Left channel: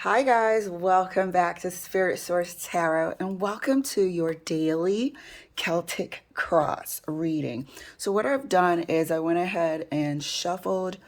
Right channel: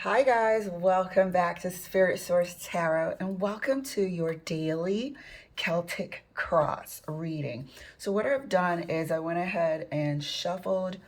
Hi, guys, welcome back to Spirit Source Tarot and welcome to your daily Celtic Cross reading. So, what I've done is I went ahead and shuffled,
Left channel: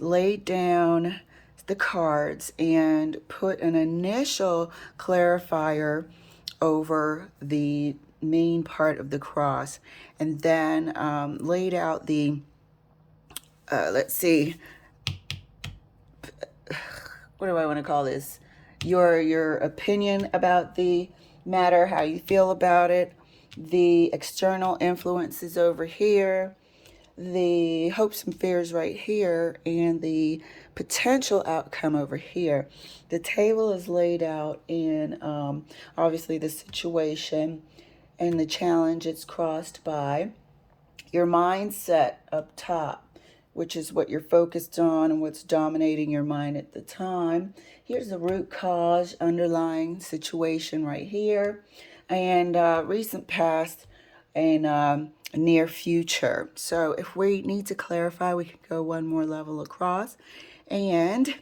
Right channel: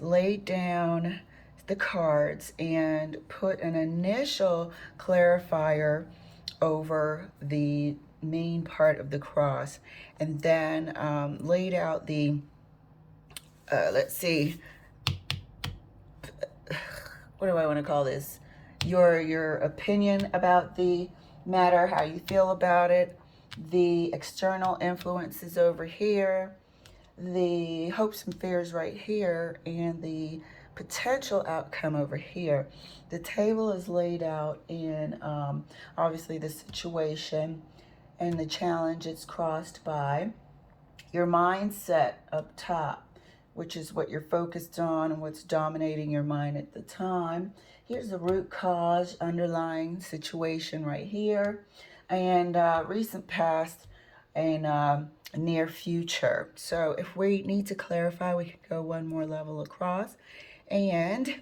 laid down the cards, and put an initial clarifier over the main part of the cross, and then laid out the, let's see, what do I want to call this? Your opinion about the matter, how you feel about it, the external influences over here, the hopes and fears right here, and the potential outcome over here. The table is laid out in obviously the situation and the challenge it's crossed by. Your mindset up top, which is what you're focused on and what's dominating your mind at the time. Here's the root cause, underlying situation right here, and recent past and near future. So if we need to clarify, we can go one more level across and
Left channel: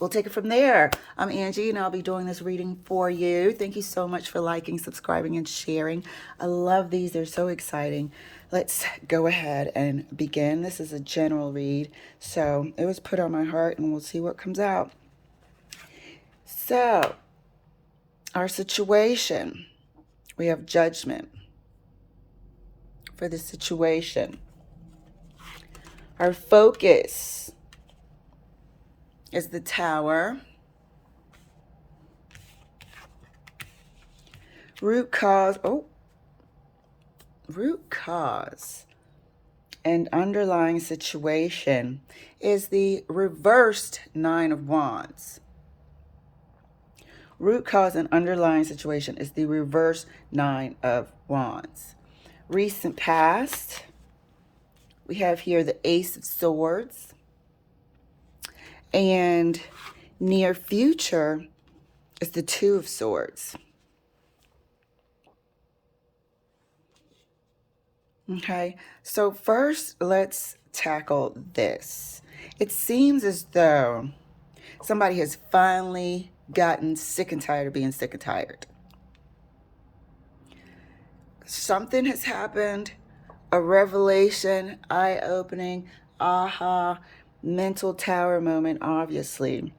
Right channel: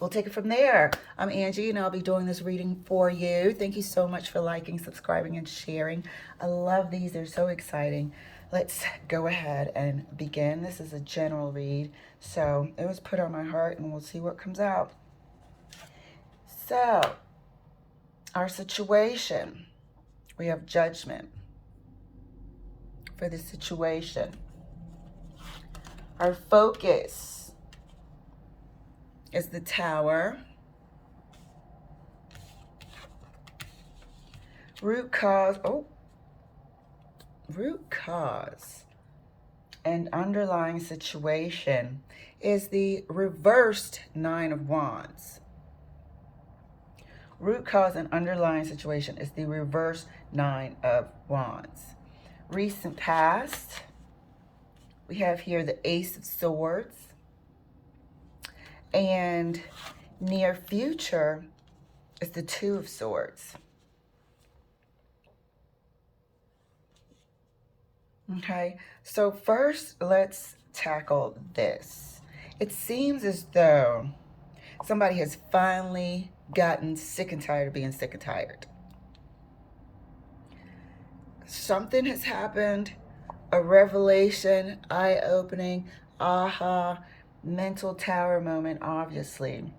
we'll take it from there. I'm Angie, and I'll be doing this reading for you. Thank you so much for liking, subscribing, and sharing. I love these. They're so exciting. Let's go ahead and begin. This is a general read, so it was put on my heart, and we'll see what comes out. So, our situation, we have judgment for the situation. Our focus is the Tower. Root cause and underlying situation is the reversed Nine of Wands. Root cause and underlying situation is the reverse Nine of Wands. Recent past, we have here the Ace of Swords. And near future is the Two of Swords. Okay, so first let's tackle this. It seems as though somebody has finally gotten sick and tired of being sick and tired. Something has happened, a revelation, eye-opening, aha, mental tower moment, obviously,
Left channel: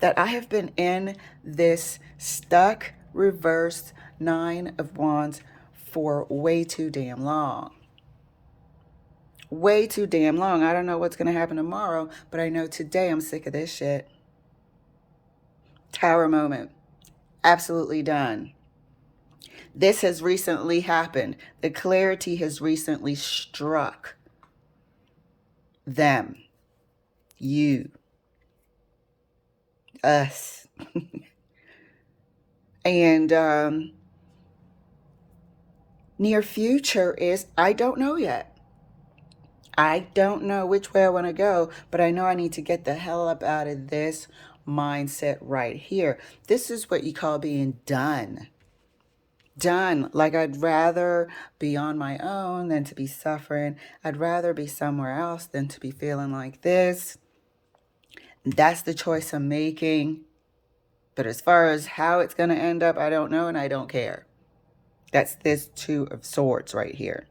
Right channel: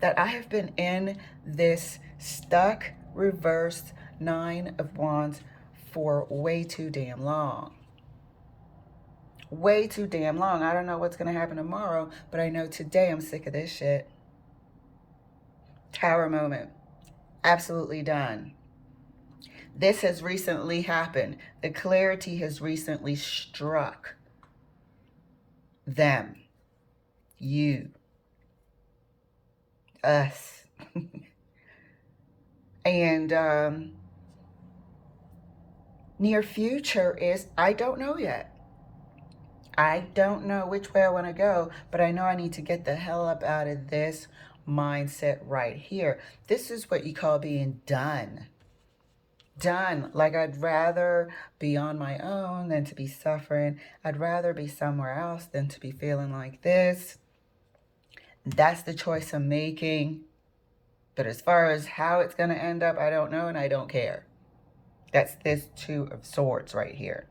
that I have been in this stuck, reversed Nine of Wands for way too damn long. Way too damn long. I don't know what's going to happen tomorrow, but I know today I'm sick of this shit. Tower moment. Absolutely done. This has recently happened. The clarity has recently struck them, you, us. And near future is, I don't know yet. I don't know which way I want to go, but I know I need to get the hell up out of this mindset right here. This is what you call being done. Done. Like, I'd rather be on my own than to be suffering. I'd rather be somewhere else than to be feeling like this. That's the choice I'm making. But as far as how it's going to end up, I don't know, and I don't care. That's this Two of Swords right here.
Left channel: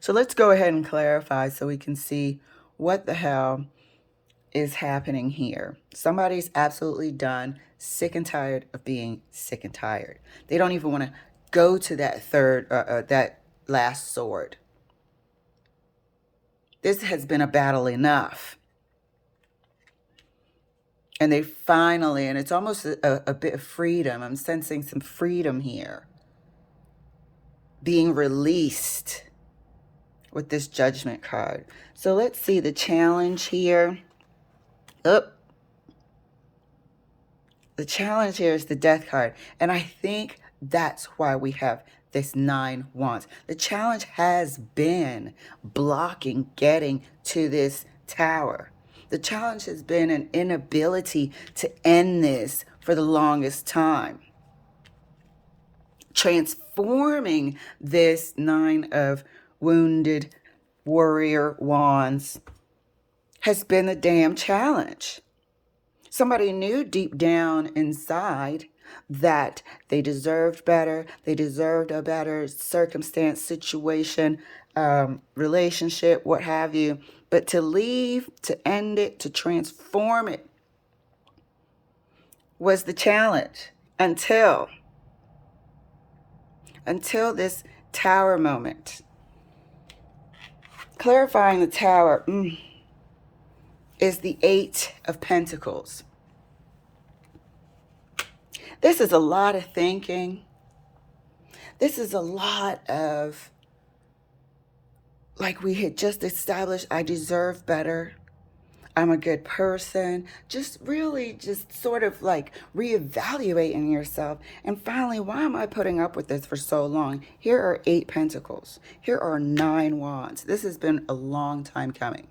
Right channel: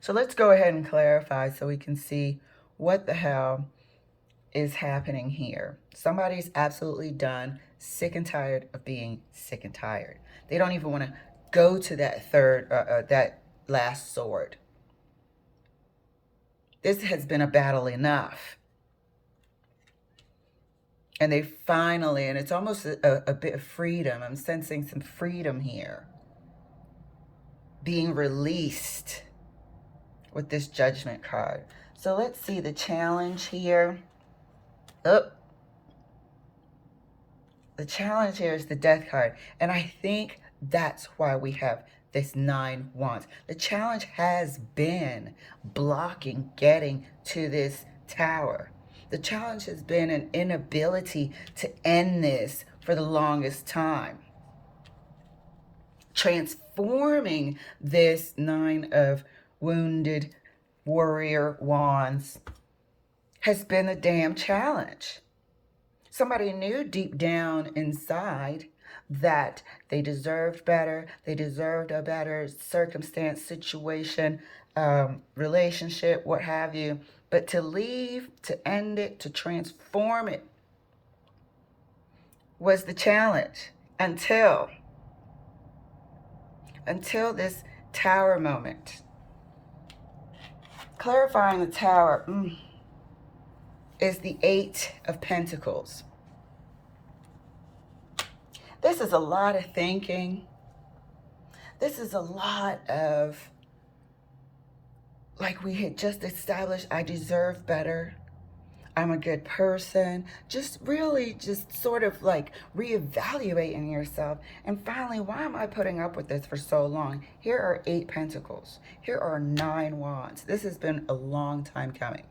So let's go ahead and clarify so we can see what the hell is happening here. Somebody's absolutely done, sick and tired of being sick and tired. They don't even want to go to that that last sword. This has been a battle enough. And they finally, and it's almost a bit of freedom. I'm sensing some freedom here. Being released with this Judgment card. So let's see the challenge here. Oh, the challenge here is the Death card. And I think that's why we have this Nine Wands. The challenge has been blocking getting to this tower. The challenge has been an inability to end this for the longest time. Transforming this Nine of Wounded Warrior Wands has been a damn challenge. Somebody knew deep down inside that they deserved better, they deserved a better circumstance, situation, relationship, what have you. But to leave, to end it, to transform it was the challenge until this tower moment. Clarifying the tower is the Eight of Pentacles. This is a lot of thinking. This is a lot of, like we had just established, I deserve better. I'm a good person. Just really just sort of like reevaluating yourself. And finally, why am I putting up with this for so long? Here are 8 pentacles. Here are 9 wands. This has been a long time coming.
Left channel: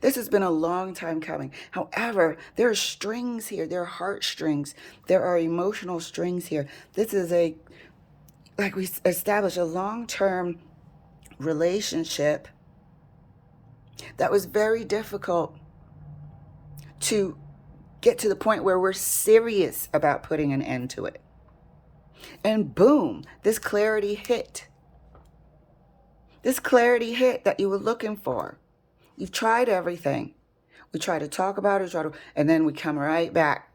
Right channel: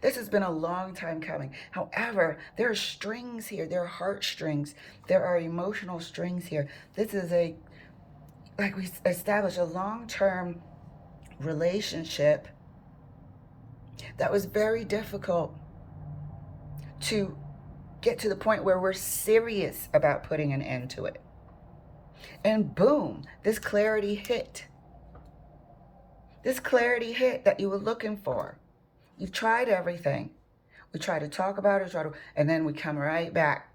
This has been a long time coming. However, there are strings here. There are heartstrings. There are emotional strings here. This is a, like we established, a long-term relationship that was very difficult to get to the point where we're serious about putting an end to it. And boom, this clarity hit. This clarity hit that you were looking for. You've tried everything. We try to talk about it, and then we come right back.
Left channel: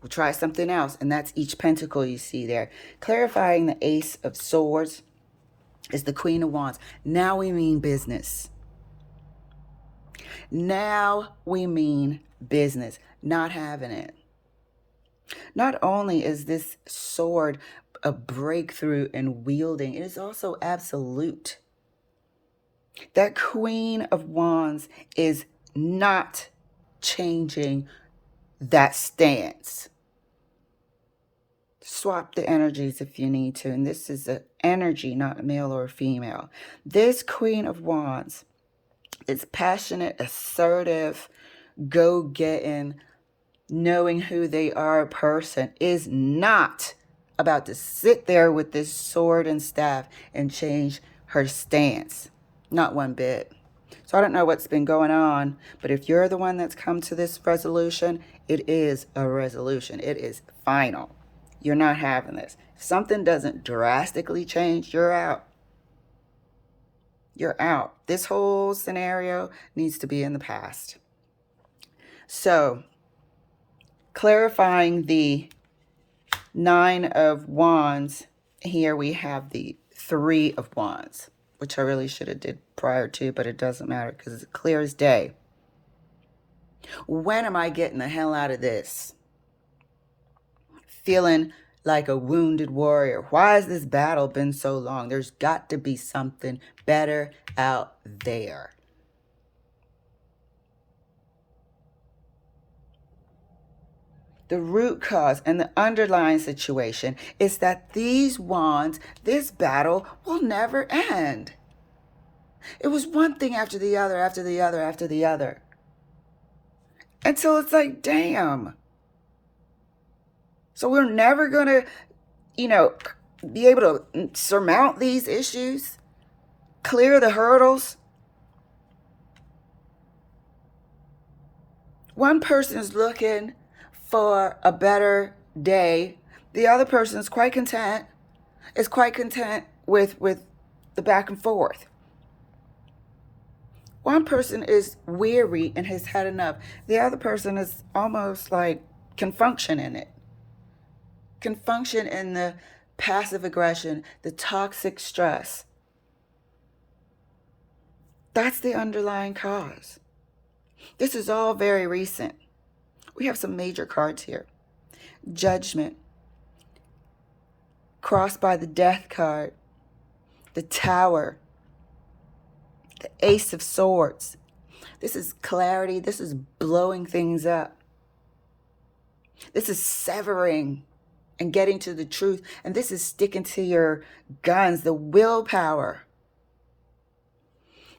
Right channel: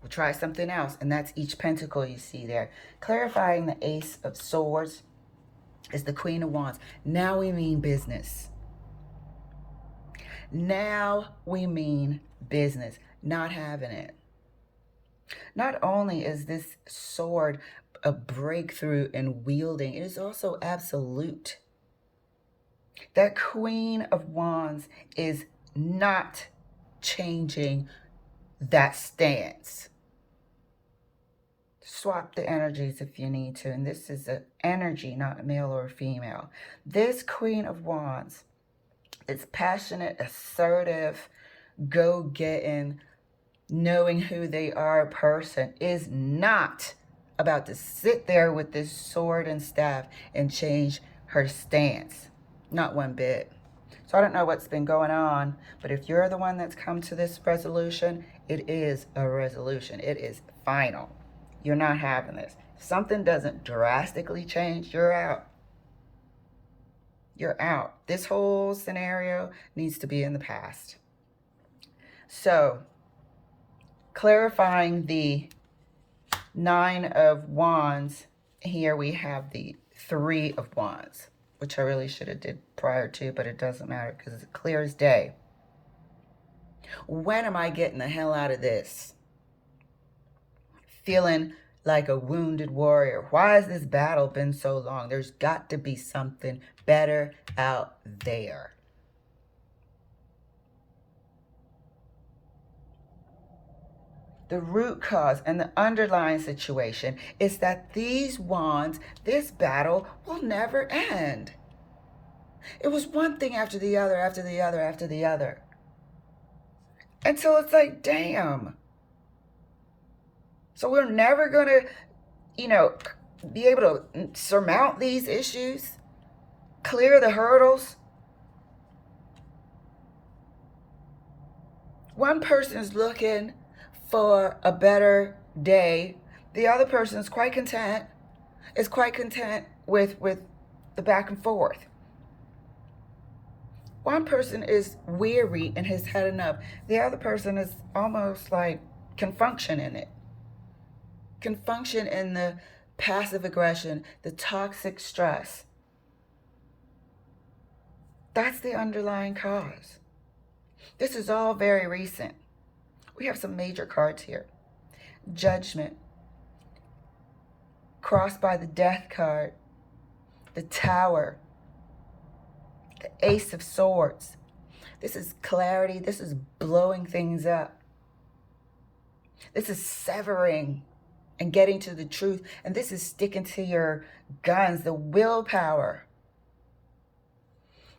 We'll try something else, and that's each pentacle you see there. Clarifying the Ace of Swords is the Queen of Wands. Now we mean business. Now we mean business, not having it. Not only is this sword a breakthrough in wielding, it is also absolute. That Queen of Wands is not changing that stance. Swap the energies if you need to. And this is an energy, not male or female. This Queen of Wands is passionate, assertive, go-getting, knowing who they are person, is not about to sit there with this sword and staff and change her stance. Not one bit. So I don't know what's been going on, but if you're the one that's come to this resolution, it is a resolution. It is final. You're not having this. If something doesn't drastically change, you're out. You're out. This whole scenario needs to be in the past. So, clarifying the Nine of Wands, here we have the Three of Wands, which I really should have did prior to, but it doesn't matter because it's clear as day. When am I getting the hell out of this? Feeling like a wounded warrior. Why has this battle been so long? There's got to be something better out there. The root cause and the underlying situation is that these wands, this battle will never end. It was one thing after the other, after the other, after the other. Until it's like, damn. So we're never going to, be able to surmount these issues, clear the hurdles. One person's looking for a better day. The other person is quite content, with the back and forth. One person is weary and has had enough. The other person is almost like can function in it. Can function in the passive aggression, the toxic stress. That's the underlying cause. This is all very recent. We have some major cards here. Judgment. Crossed by the Death card. The Tower. The Ace of Swords. This is clarity. This is blowing things up. This is severing and getting to the truth. And this is sticking to your guns, the willpower.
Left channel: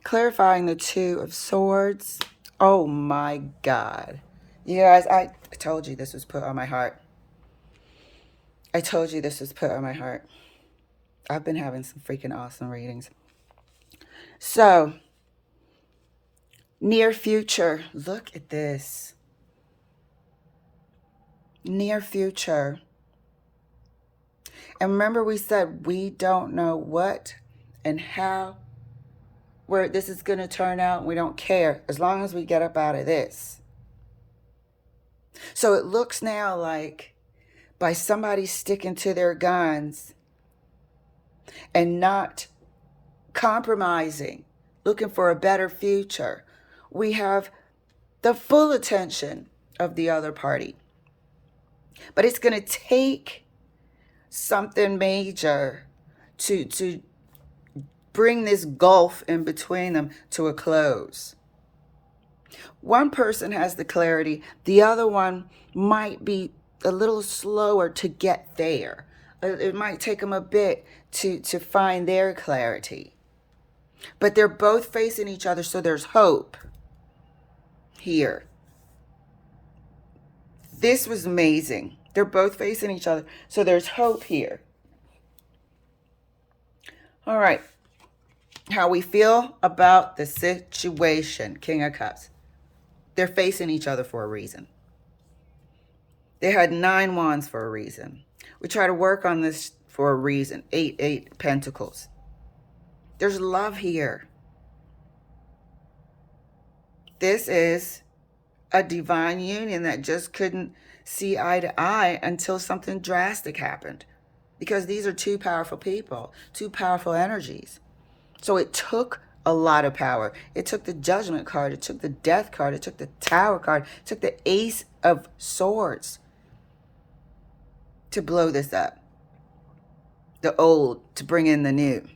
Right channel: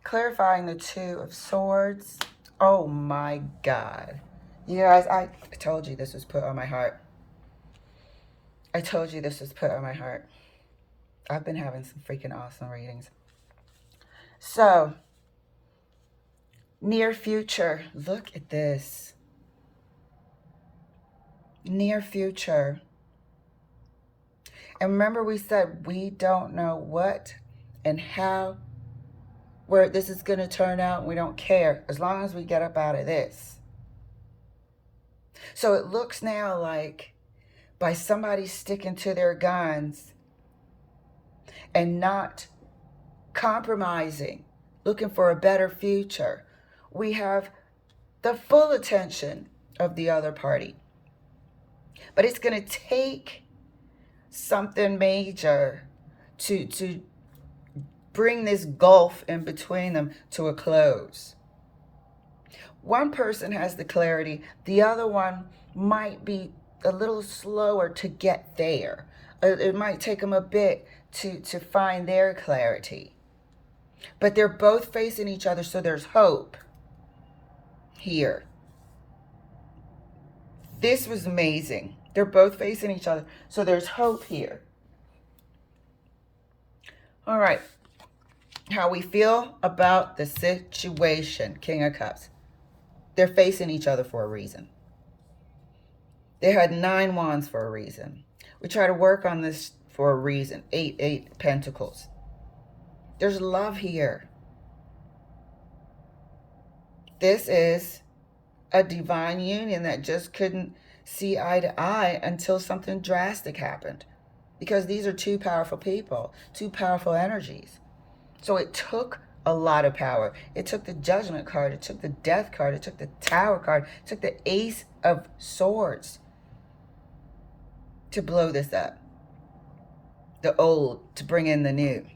Clarifying the Two of Swords. Oh my God. You guys, I told you this was put on my heart. I told you this was put on my heart. I've been having some freaking awesome readings. So, Near future. Look at this. Near future. And remember we said we don't know what and how, where this is going to turn out. We don't care as long as we get up out of this. So it looks now like by somebody sticking to their guns and not compromising, looking for a better future, we have the full attention of the other party. But it's going to take something major to bring this gulf in between them to a close. One person has the clarity, the other one might be a little slower to get there. It might take them a bit to find their clarity. But they're both facing each other, so there's hope here. This was amazing. They're both facing each other, so there's hope here. All right. How we feel about the situation, King of Cups. They're facing each other for a reason. They had 9 wands for a reason. We try to work on this for a reason. 8 pentacles. There's love here. This is a divine union that just couldn't see eye to eye until something drastic happened. Because these are 2 powerful people, 2 powerful energies. So it took a lot of power. It took the Judgment card. It took the Death card. It took the Tower card. It took the Ace of Swords to blow this up. The old to bring in the new.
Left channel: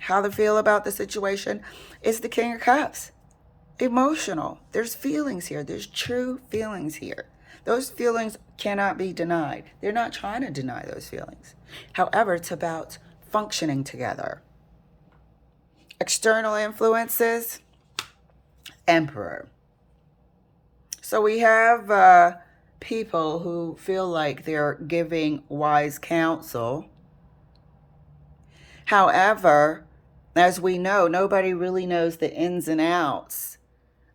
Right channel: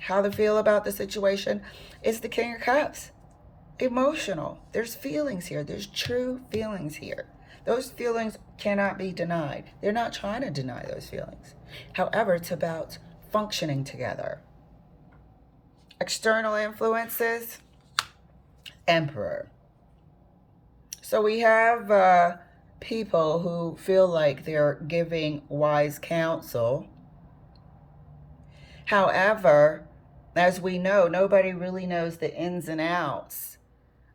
How they feel about the situation is the King of Cups. Emotional. There's feelings here. There's true feelings here. Those feelings cannot be denied. They're not trying to deny those feelings. However, it's about functioning together. External influences, Emperor. So we have people who feel like they're giving wise counsel. However, as we know, nobody really knows the ins and outs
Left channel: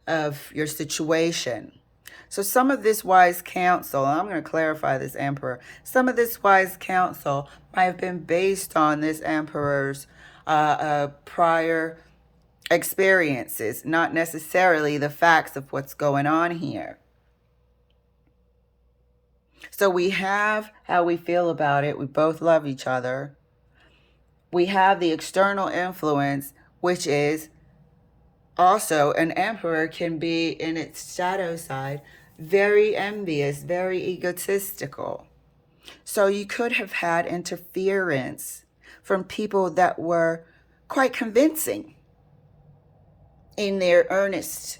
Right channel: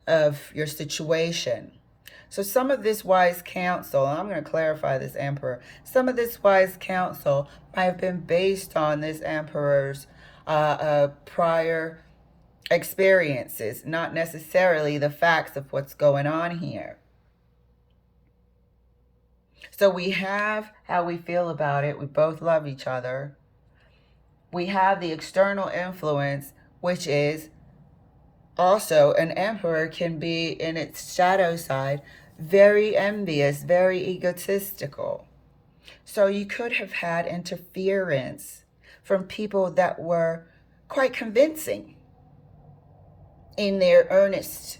of your situation. So some of this wise counsel, and I'm going to clarify this Emperor, some of this wise counsel might have been based on this Emperor's prior experiences, not necessarily the facts of what's going on here. So we have how we feel about it. We both love each other. We have the external influence, which is also an Emperor can be in its shadow side, very envious, very egotistical. So you could have had interference from people that were quite convincing in their earnest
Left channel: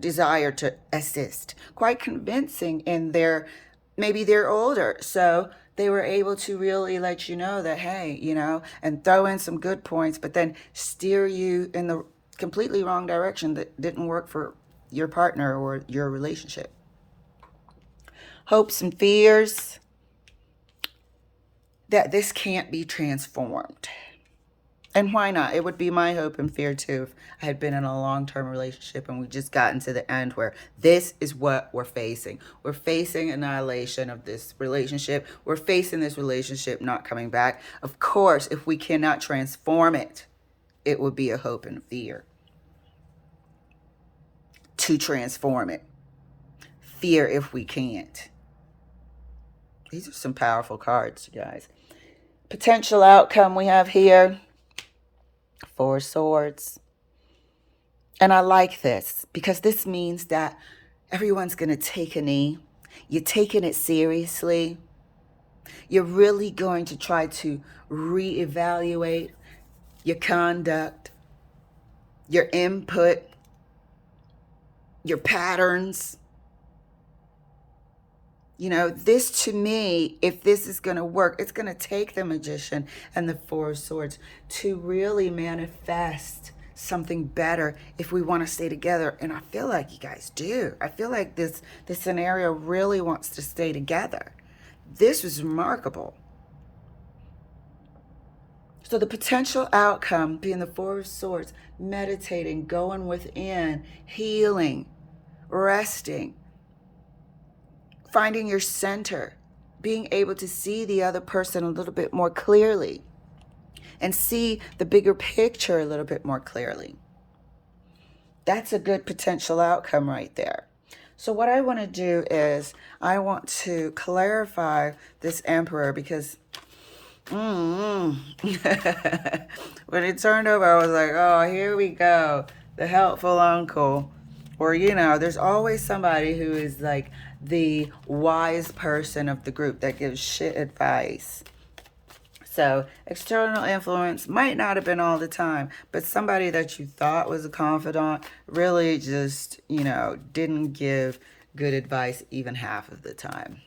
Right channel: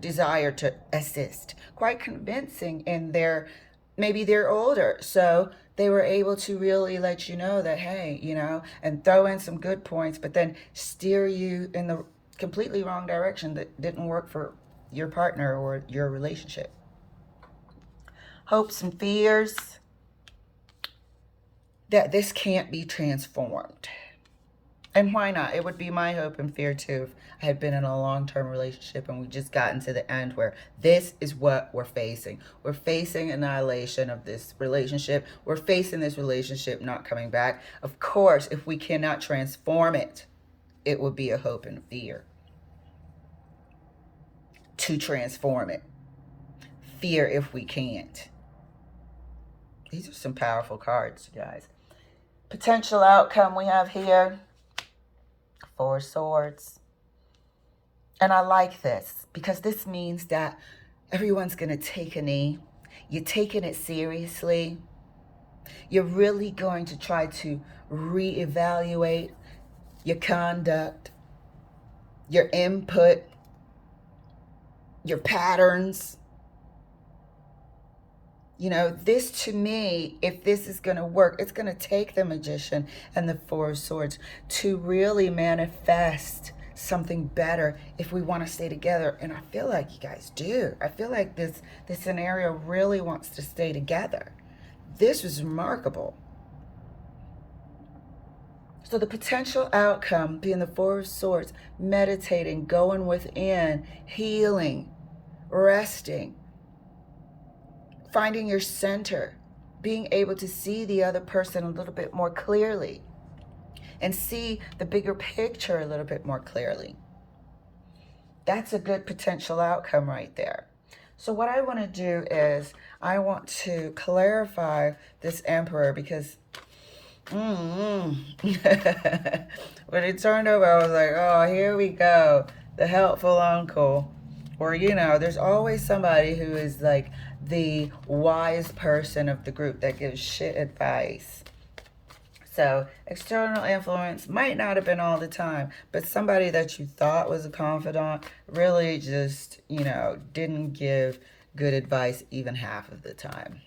desire to assist, quite convincing in their, maybe they're older, so they were able to really let you know that, hey, you know, and throw in some good points, but then steer you in the completely wrong direction that didn't work for your partner or your relationship. Hopes and fears that this can't be transformed. And why not? It would be my hope and fear too if I had been in a long-term relationship and we just gotten to the end where this is what we're facing. We're facing annihilation of this relationship. We're facing this relationship not coming back. Of course, if we cannot transform it, it would be a hope and fear to transform it. Fear if we can't. These are some powerful cards, you guys. Potential outcome we have here, 4 swords. And I like this because this means that everyone's going to take a knee. You're taking it seriously. You're really going to try to reevaluate your conduct, your input, your patterns. You know, this to me, if this is going to work, it's going to take the Magician and the 4 of Swords to really manifest something better if we want to stay together. And I feel like you guys do. I feel like this scenario really wants to stay together. This was remarkable. So the potential outcome being the Four of Swords, meditating, going within, healing, resting, finding your center, being able to see the other person a little bit more clearly and see the bigger picture a little bit more clearly. That's a good potential outcome right there. So what I want to do is I want to clarify this Emperor because when it turned over, I was like, oh, here we go. The helpful uncle. Or, you know, there's always somebody who is like the wise person of the group that gives shit advice. So external influence might not have been all the time, but somebody that you thought was a confidant really just, you know, didn't give good advice even half of the time.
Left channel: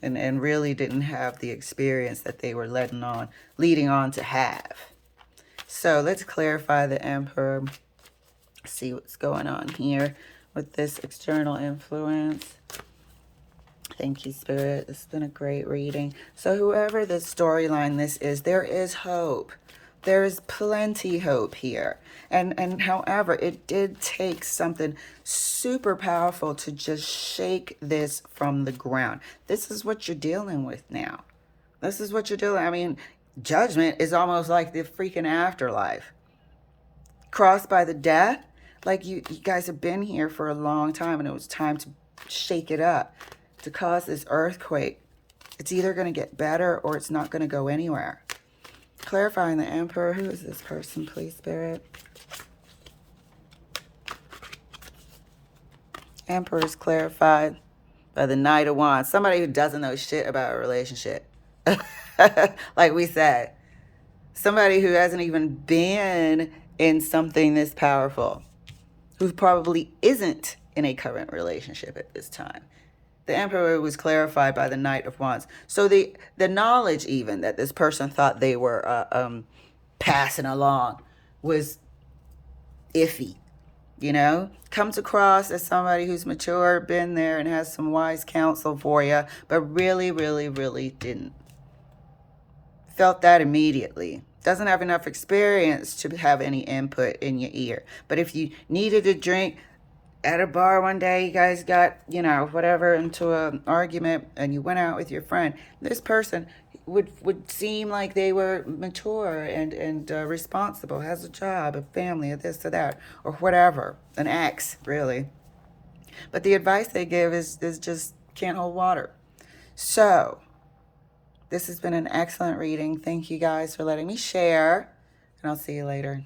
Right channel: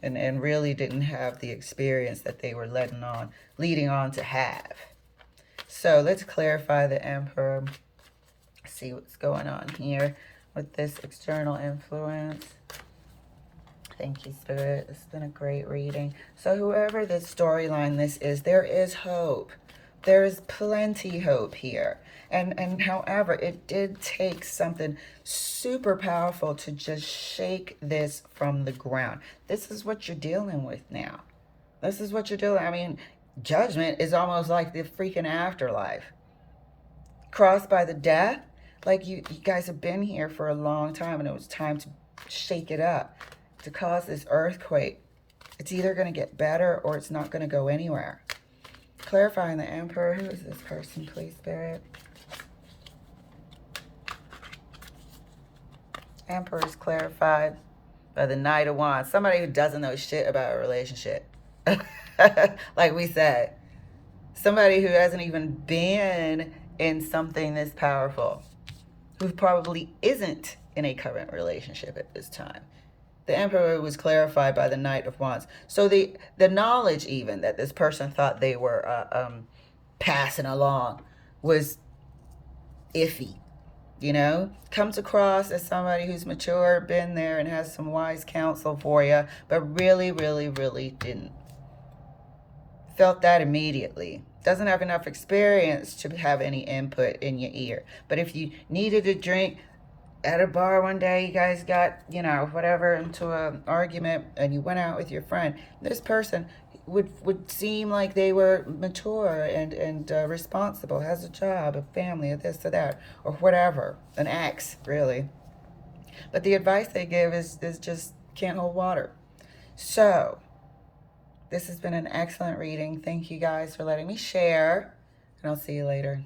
And really didn't have the experience that they were leading on to have. So let's clarify the Emperor. See what's going on here with this external influence. Thank you, Spirit. This has been a great reading. So whoever the storyline this is, there is hope. There is plenty hope here. And however, it did take something super powerful to just shake this from the ground. This is what you're dealing with now. This is what you're dealing. I mean, judgment is almost like the freaking afterlife. Crossed by the death, like you guys have been here for a long time and it was time to shake it up, to cause this earthquake. It's either going to get better or it's not going to go anywhere. Clarifying the Emperor. Who is this person, please, Spirit? Emperor is clarified by the Knight of Wands. Somebody who doesn't know shit about a relationship. Like we said. Somebody who hasn't even been in something this powerful. Who probably isn't in a current relationship at this time. The Emperor was clarified by the Knight of Wands. So the knowledge even that this person thought they were passing along was iffy. You know, comes across as somebody who's mature, been there, and has some wise counsel for you, but really, really, really didn't. Felt that immediately. Doesn't have enough experience to have any input in your ear. But if you needed a drink at a bar one day, you guys got, you know, whatever, into an argument, and you went out with your friend, this person would seem like they were mature and responsible, has a job, a family, or this or that, or whatever, an ex, really. But the advice they give is just can't hold water. So this has been an excellent reading. Thank you guys for letting me share, and I'll see you later.